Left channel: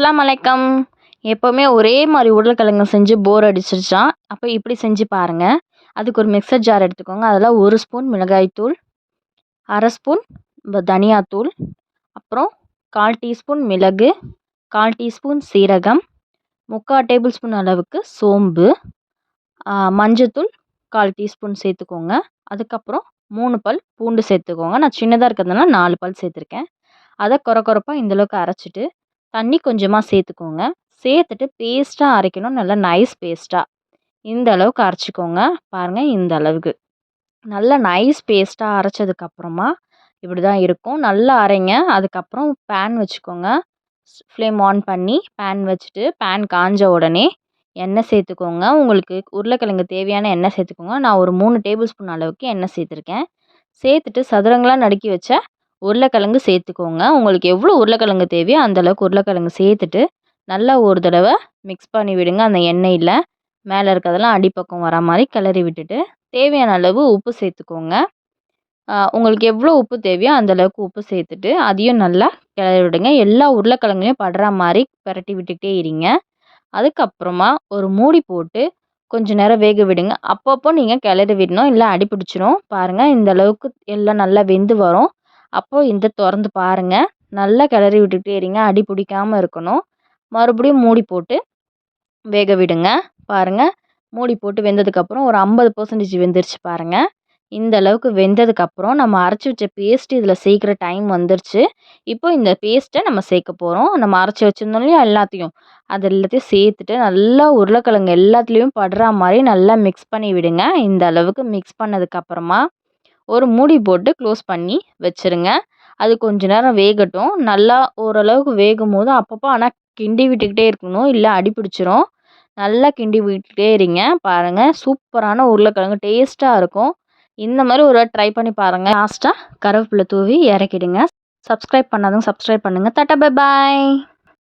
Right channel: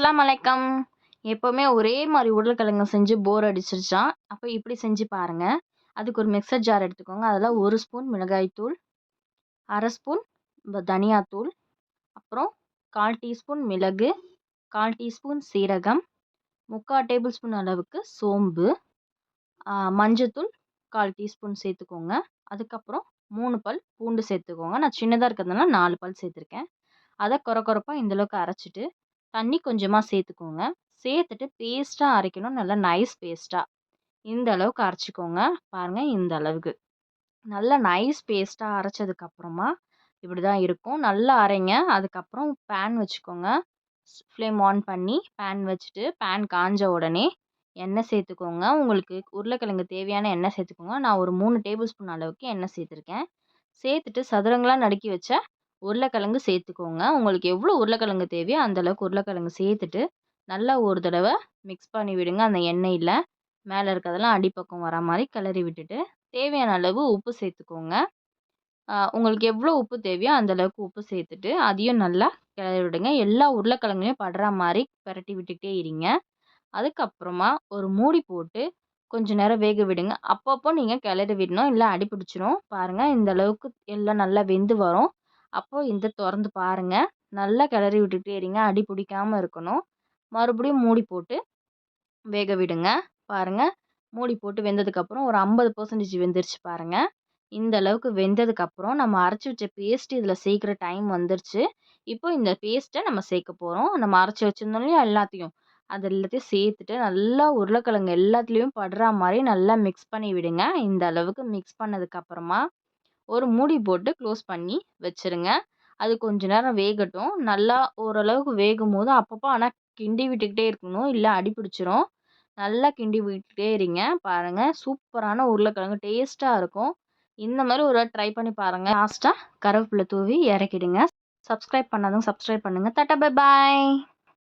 அஸ்ஸலாமு அலைக்கம். எப்போவுமே ஒரே மாதிரி உருளைக்கிழங்கு செஞ்சு போர் அடிச்சிருச்சா, அப்போ இப்படி செஞ்சு பாருங்கள். அதுக்கு ஒரு மிக்சர் ஜார் எடுத்துக்கோங்க. அதில் 1 ஸ்பூன் மிளகாய்த்தூள், 1/2 ஸ்பூன் தனியாத்தூள், அப்புறம் 1/4 டீஸ்பூன் மிளகு, 1/4 டீஸ்பூன் சீரகம், 3/4 டேபிள் ஸ்பூன் அளவுக்கு சோம்பு, மஞ்சத்தூள் 1/4 டீஸ்பூன் சேர்த்துக்கோங்க. அதுக்கப்புறம் 3 பல் பூண்டு சேர்த்துக்கோங்க. நான் சின்னதாக இருக்கிறதுனால 4 பல் சேர்த்துருக்கேன். அதை கொரப்பாக இந்தளவுக்கு அரைச்சிட்டு தண்ணி கொஞ்சமாக சேர்த்துக்கோங்க. சேர்த்துட்டு பேஸ்ட்டாக அரைக்கணும். நல்லா நைஸ் பேஸ்ட்டாக இந்த அளவுக்கு அரைச்சிக்கோங்க. பாருங்கள், இந்த அளவுக்கு நல்லா நைஸ் பேஸ்ட்டாக அரைச்சதுக்கப்புறமா இப்படி தான் இருக்கும். நல்லா அரைங்க. அதுக்கப்புறம் பேன் வச்சுக்கோங்க. ஃப்ளேம் ஆன் பண்ணி பேன் வச்சுட்டு பேன் காஞ்ச உடனே எண்ணெய் சேர்த்துக்கோங்க. உங்களுக்கு உருளைக்கிழங்கு தேவையான எண்ணெய் சேர்த்துக்கோங்க. நான் ஒரு 3 டேபிள் ஸ்பூன் அளவுக்கு எண்ணெய் சேர்த்துருக்கேன். சேர்த்துட்டு சதுரங்களாக நறுக்கி வச்ச உருளைக்கிழங்கு சேர்த்துக்கோங்க. உங்களுக்கு எவ்வளோ உருளைக்கிழங்கு தேவையோ அந்தளவுக்கு உருளைக்கிழங்கு சேர்த்துட்டு நல்லா ஒரு தடவை மிக்ஸ் பண்ணி விடுங்க. அந்த எண்ணெயில் மேலே இருக்கிறதெல்லாம் அடிப்பக்கம் வர மாதிரி கிளறி விட்டுட்டு தேவையான அளவு உப்பு சேர்த்துக்கோங்க. உங்களுக்கு எவ்வளோ உப்பு தேவையோ அந்தளவுக்கு உப்பு சேர்த்துட்டு அதையும் நல்லா கிளறி விடுங்க. எல்லா உருளைக்கிழங்குலையும் படுற மாதிரி பரட்டி விட்டுக்கிட்டே இருங்க. அதுக்கப்புறமா ஒரு மூடி போட்டு கொஞ்சம் நேரம் வேக விடுங்க. அப்பப்போ நீங்கள் கிளறி விடணும், இல்லை அடி பிடிச்சிரும். பாருங்கள், இந்த அளவுக்கு எல்லாம் நல்லா வெந்து வரும். அப்போது இந்த திறந்து பாருங்கள். நல்லா கிளறி விட்டுக்கிட்டே இருங்க. அடி பிடிக்காமல் இருக்கணும். மறுபடியும் மூடி போட்டு வேக விடுங்க. பாருங்கள், மூடி போட்டு வெந்ததுக்கப்புறம் ஒரு 50% வெந்துருச்சு பாருங்கள். இந்த அளவுக்கு வெந்ததுக்கப்புறம் நம்ம அரைச்சி வச்ச பேஸ்ட்டு இதில் சேர்க்குற டைம் வந்துருச்சு. இப்போ இந்த பேஸ்ட்டை நம்ம சேர்க்க போகிறோம். நம்ம அரைச்சி வச்சுருந்தோம் இல்லையா எல்லாத்தையும், அது எல்லாத்தையும் சேர்த்துட்டு நல்லா உருளைக்கிழங்கு எல்லாத்துலேயும் படுற மாதிரி நல்லா மிக்ஸ் பண்ணி விடுங்க. இந்த அளவுக்கு மிக்ஸ் பண்ணதுக்கப்புறமா ஒரு மூடி போட்டு க்ளோஸ் பண்ணி வச்சுருங்க. அது கொஞ்ச நேரம் வேகட்டும். நல்லா ஓரளவுக்கு வேகும்போது அப்பப்போ ஆனால் கிண்டி விட்டுக்கிட்டே இருக்கணும், இல்லை அடி பிடிச்சிரும். நல்லா கிண்டி விட்டுக்கிட்டே இருங்க. பாருங்கள், சூப்பரான உருளைக்கிழங்கு டேஸ்ட்டாக இருக்கும். இந்த மாதிரி ஒரு ட்ரை பண்ணி பாருங்கள். லாஸ்ட்டாக கருவேப்பிலை தூவி இறக்கிடுங்க. சப்ஸ்கிரைப் பண்ணாதவங்க சப்ஸ்கிரைப் பண்ணுங்கள். Tata bye bye.